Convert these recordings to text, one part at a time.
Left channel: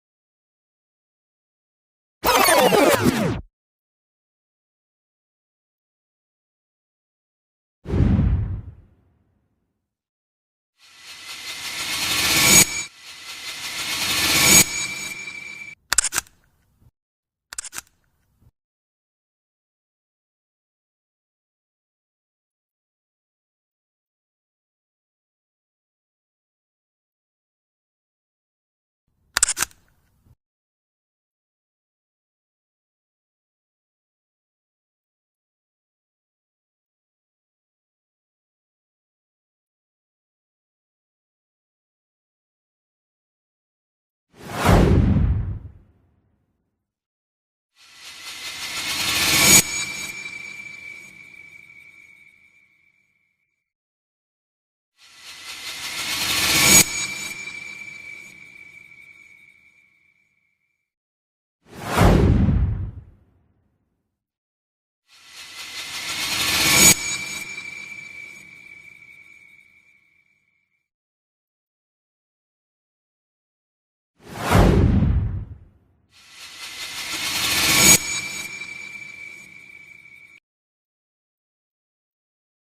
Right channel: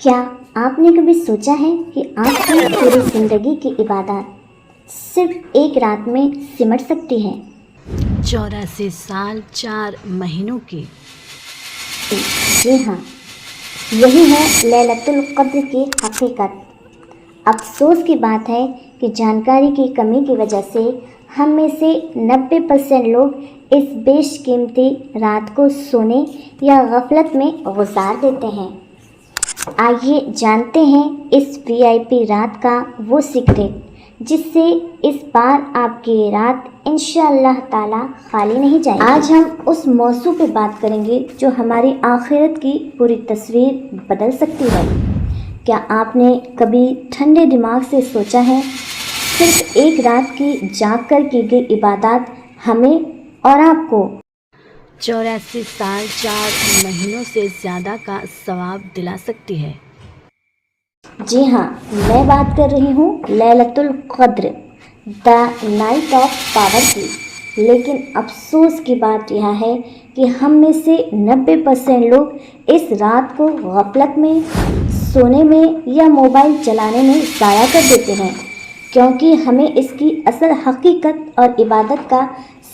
کیا آپ نے کبھی سوچا ہے کہ آپ کی پوری زندگی کی عبادات صرف ایک رات میں سمٹ سکتی ہے؟ 84 سال 4 مہینوں کی۔ جی ہاں، یہی ہے لیلۃ القدر کی حقیقت۔ افسوس کی بات ہے کہ جانکاری کی کمی کی وجہ سے ہم میں سے 90% لوگ اس بیش قیمتی رات کو سونے یا غفلت میں گزار دیتے ہیں۔ آئیے جانتے ہیں اس VIP رات کا وہ سیکرٹ جس سے اس بار آپ کی رات انشاءاللہ تعالی خالی نہیں جائے گی۔ آج ہم اس موضوع پہ بات کریں گے جو ہماری آخرت کی پوری تصویر بدل سکتی ہے۔ کیا آپ نے کبھی ٹھنڈے دماغ سے سوچا ہے صرف ایک رات کی جاگ کر کی گئی عبادات ہمیں اور آپ کو 84 سال 4 مہینوں سے زیادہ کا ثواب دلا سکتی ہے؟ جی ہاں، میں بات کر رہی ہوں لیلۃ القدر، دا نائٹ آف پاور کی۔ لیکن افسوس کی بات یہ ہے کہ ہم میں سے 90% لوگ اس رات کو غفلت میں، سونے میں یا موبائل چلانے میں ضائع کر دیتے ہیں، کیونکہ ہمیں اس کی اصل حقیقت اور عبادت کا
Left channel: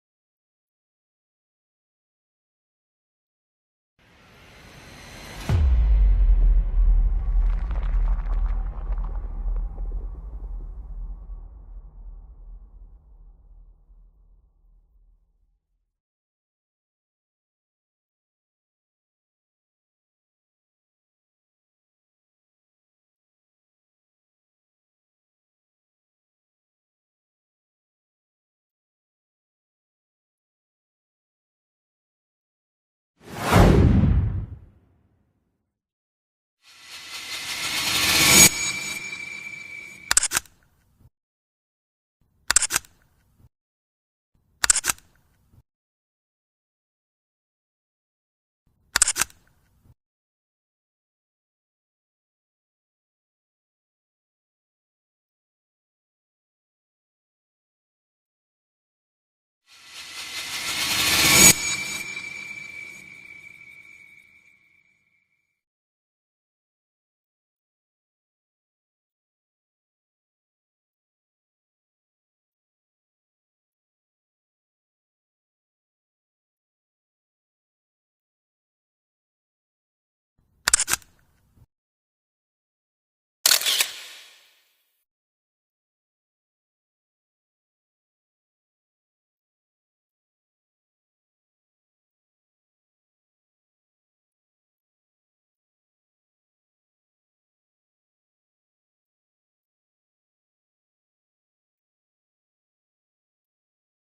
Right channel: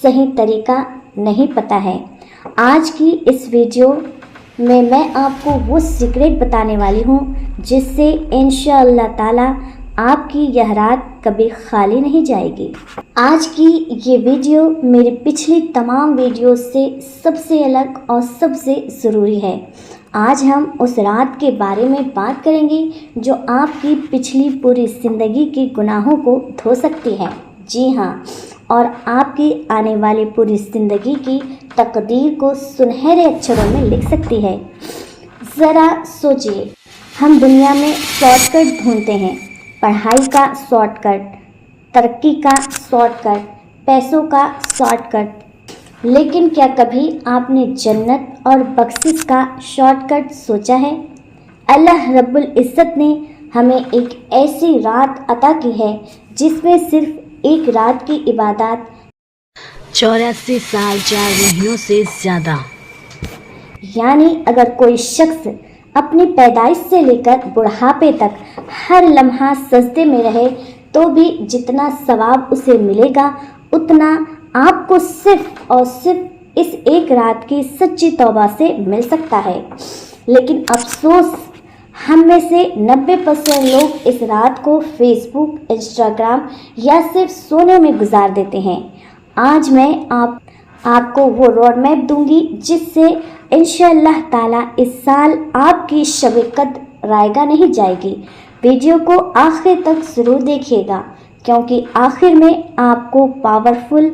صحیح طریقہ نہیں پتہ ہے۔ آج کی اس ویڈیو میں آپ کو وہ سیکرٹ بتانے والی ہوں جس سے انشاءاللہ تعالی آپ کی یہ رات کبھی خالی نہیں جائے گی۔ آج کی یہ ویڈیو میری پچھلی تمام ویڈیوز سے سب سے الگ اور سب سے ضروری ہے۔ آج ہم اس رات کے بارے میں بات کریں گے جو آپ کی پچھلی پوری زندگی کے گناہوں کو دھو سکتی ہے۔ جی ہاں، اور آپ کی آنے والی پوری زندگی کی تقدیر کو سنہرے اکشروں میں لکھ سکتی ہے۔ ذرا سوچئے، ہم دنیا میں شارٹ کٹ ڈھونڈتے ہیں، پڑھائی کا شارٹ کٹ، ترقی کا شارٹ کٹ، پیسوں کا شارٹ کٹ، لیکن کیا کبھی آپ نے جنت اور بخشش کا شارٹ کٹ سوچا ہے؟ اللہ رب العزت نے ہمیں ایک ایسی رات عطا کی ہے جس میں صرف ایک رات کی عبادات 84 سال 4 مہینوں سے زیادہ، یعنی اگر کوئی شخص اپنی پیدائش سے لے کر بڑھاپے تک ہر لمحہ سجدے میں رہے تو بھی جتنا ثواب اسے ملے گا اتنا آپ کو صرف اور صرف اس ایک رات کی سچی توبہ سے مل سکتا ہے۔ لیکن افسوس، ہم میں سے 90% لوگ اس رات کو فیس بک، انسٹاگرام یا صرف سونے میں گزار دیتے ہیں۔ آج میں آپ کو وہ روڈ میپ دوں گی جس سے انشاءاللہ تعالی اس سال آپ کی شب قدر رائگاں نہیں جائے گی۔ ویڈیو کو آخر تک ضرور دیکھیے گا کیونکہ آخر میں آپ کو پاورفل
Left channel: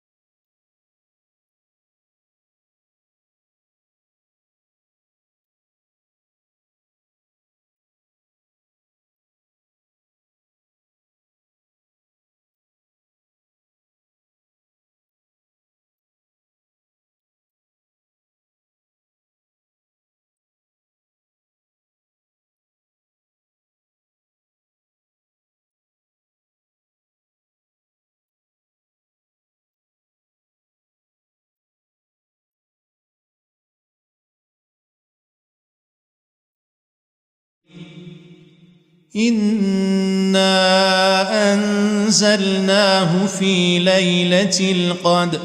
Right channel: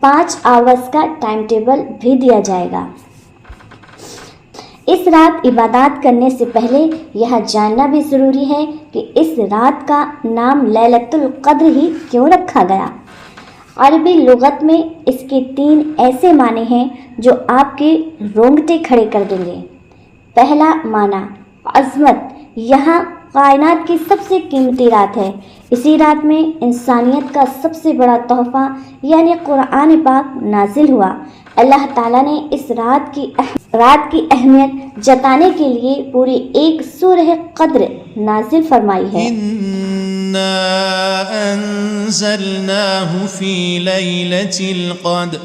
5 آورز کا ٹائم ٹیبل بھی دیا جائے گا۔ اس رات عبادات کرنے سے پہلے یہ جاننا بھی ضروری ہے کہ اس رات کا نام لیلۃ القدر ہی کیوں رکھا گیا۔ عربی لغت میں اس کے 3 ایسے معنی ہیں جو آپ کے رونگٹے کھڑے کر دیں گے۔ پہلا معنی عظمت، یہاں کائنات کی سب سے قیمتی رات ہے۔ اسی رات میں انسانیت کا سب سے بڑا تحفہ یعنی قرآن پاک نازل ہوا۔ اللہ تعالیٰ نے اس رات کی اہمیت جتانے کے لیے پوری ایک سورہ قدر نازل فرمائی ہے۔ اِنَّا أَنزَلْنَاهُ فِي لَيْلَةِ الْقَدْرِ۔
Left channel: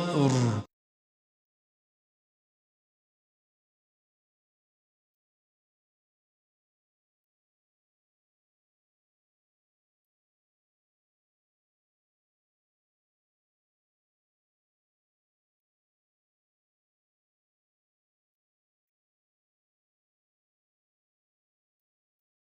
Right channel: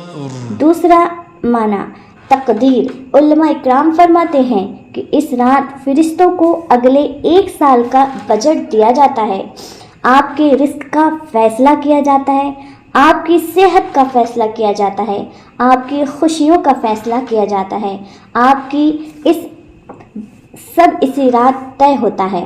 دوسرا معنی تقدیر، علماء اکرام فرماتے ہیں کہ اس رات فرشتوں کو اگلے 1 سال کا بجٹ دیا جاتا ہے، آپ کے رزق کا فیصلہ کیا جاتا ہے، آپ کی صحت کا فیصلہ کیا جاتا ہے، آپ کی خوشیوں کا فیصلہ کیا جاتا ہے، آپ کی اسی رات طے ہوتا ہے۔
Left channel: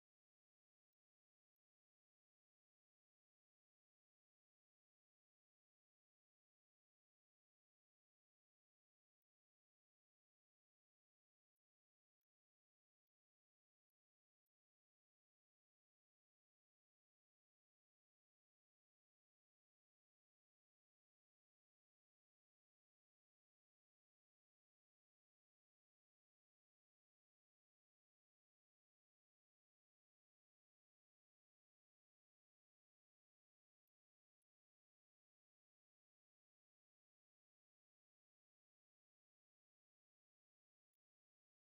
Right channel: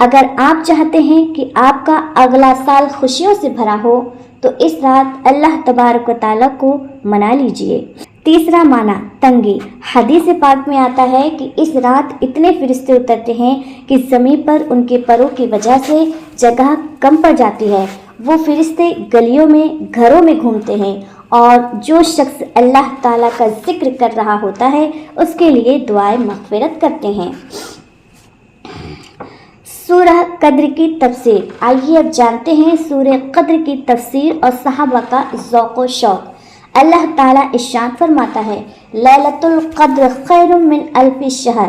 اگر آپ چاہتے ہیں کہ آپ کا اگلا سال خوشیوں سے بھرا ہو تو اس رات اللہ تبارک و تعالیٰ کو منا لیجئے۔ تیسرا معنی تنگی، حدیث پاک میں آتا ہے کہ اس رات اتنے فرشتے اترتے ہیں کہ زمین پر ان کے پروں کی وجہ سے جگہ کم پڑ جاتی ہے۔ وہ فرشتے گلیوں میں، گھروں میں گھومتے ہیں اور جو شخص اللہ تعالیٰ کا ذکر کر رہا ہوتا ہے اس کے لیے دعائیں مغفرت کرتے ہیں۔ سورہ قدر کی تفسیر، آئیے اب جانتے ہیں سورہ قدر کی تفسیر اور صحابہ کا ذوق و شوق۔ اللہ تعالیٰ ارشاد فرماتا ہے لیلۃ القدر خیر من الف شہر،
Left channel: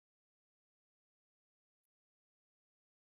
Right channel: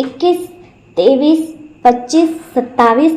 21, 23, 25, 27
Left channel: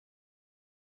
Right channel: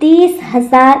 30,000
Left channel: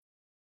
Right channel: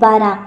12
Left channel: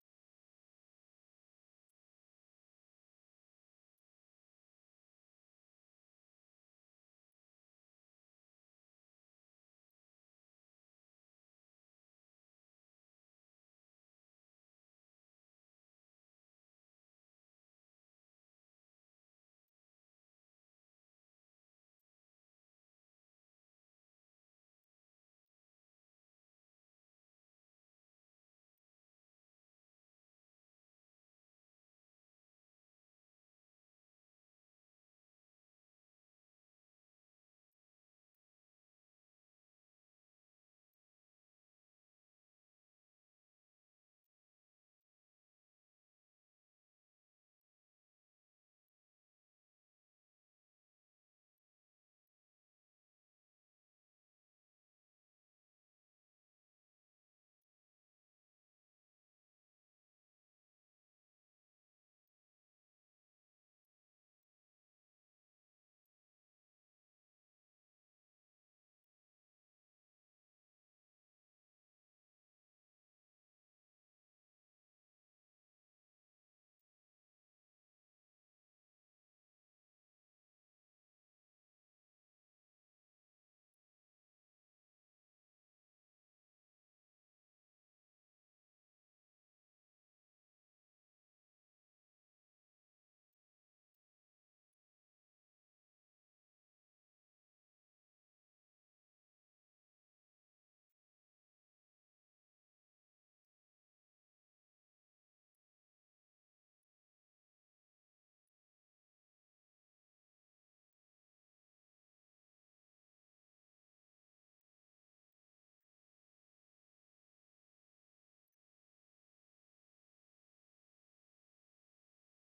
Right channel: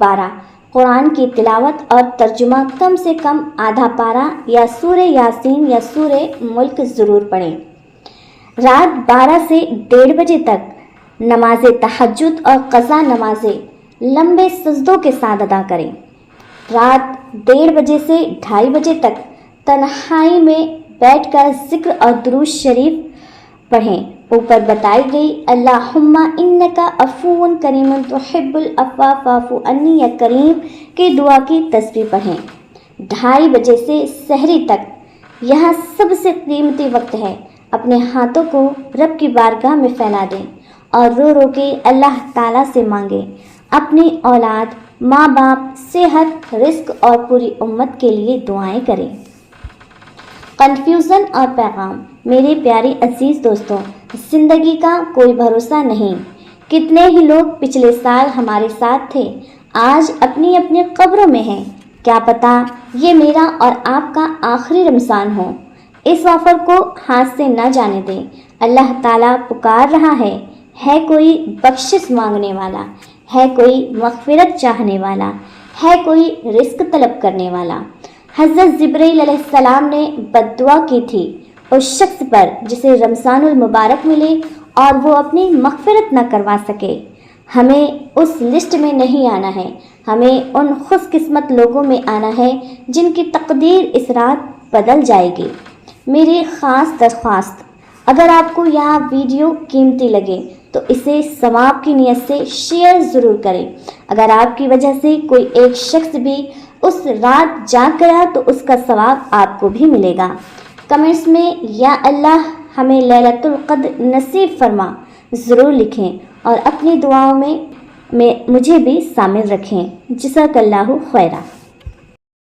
12 قرآن کی تلاوت اور ترجمہ کم سے کم آدھا پارہ یا سورہ یاسین یا سورہ ملک ضرور پڑھیں۔ رات 12 سے 1:30 بجے تک نماز تہجد اور قضا نمازیں لمبے سجدوں کے ساتھ ادا کریں۔ رات 1:30 بجے سے 2:30 بجے تک تنہائی میں بیٹھ کر ذکر اور درود شریف پڑھیں۔ اوپر بتائی گئی اللہم انکا عفو کریم تحب العفو فاعف عنی یا کریم کی دعا کی تسبیح پڑھیں۔ 2:30 بجے سے سحری تک یہاں سب سے قیمتی وقت ہے۔ اپنے ہاتھوں کو رب کی بارگاہ میں پھیلا دیں اور رو رو کے اللہ تعالیٰ سے مانگیں۔ اپنی اولاد، ماں باپ، صحت، رزق اور پوری امت کے لیے دعائیں کریں۔ کنفیوژن اور پیغام۔ میرے پیارے عزیز دوستوں، زندگی کا کوئی بھروسہ نہیں۔ کتنے ہی لوگ پچھلے سال ہمارے ساتھ تھے، آج اپنی اپنی قبروں میں ہیں۔ کیا پتہ یہ میرا اور آپ کا آخری رمضان ہو۔ اس آفر کو ہاتھ سے نہ جانے دیں۔ اللہ تعالیٰ پکار رہا ہے کوئی بخشش مانگنے والا، ہے کوئی مغفرت چاہنے والا، ہے کوئی رزق طلب کرنے والا۔ حضرت جبرائیل علیہ السلام نے بد دعا کی تھی اس شخص پر جسے رمضان المبارک ملے اور وہ اپنی مغفرت نہ کروا سکے۔ ہمیں اس لسٹ میں نہیں آنا ہے، ہمیں ان خوش قسمت لوگوں میں آنا ہے جن کی تقدیر اس رات بدل جائے گی۔ میری خاص درخواست، اگر آپ کو یہ ویڈیو قیمتی لگے تو اسے ثواب کی نیت سے شیئر ضرور کریں۔ اگر آپ کی وجہ سے کوئی ایک شخص بھی اس رات جاگ گیا تو اس کا ثواب آپ کو بھی ملے گا۔ کمنٹس میں یا اللہ ہمیں لیلۃ القدر نصیب فرما ضرور لکھیں اور اپنی دعاؤں میں مجھے بھی شامل رکھیں۔ جزاک اللہ خیرہ۔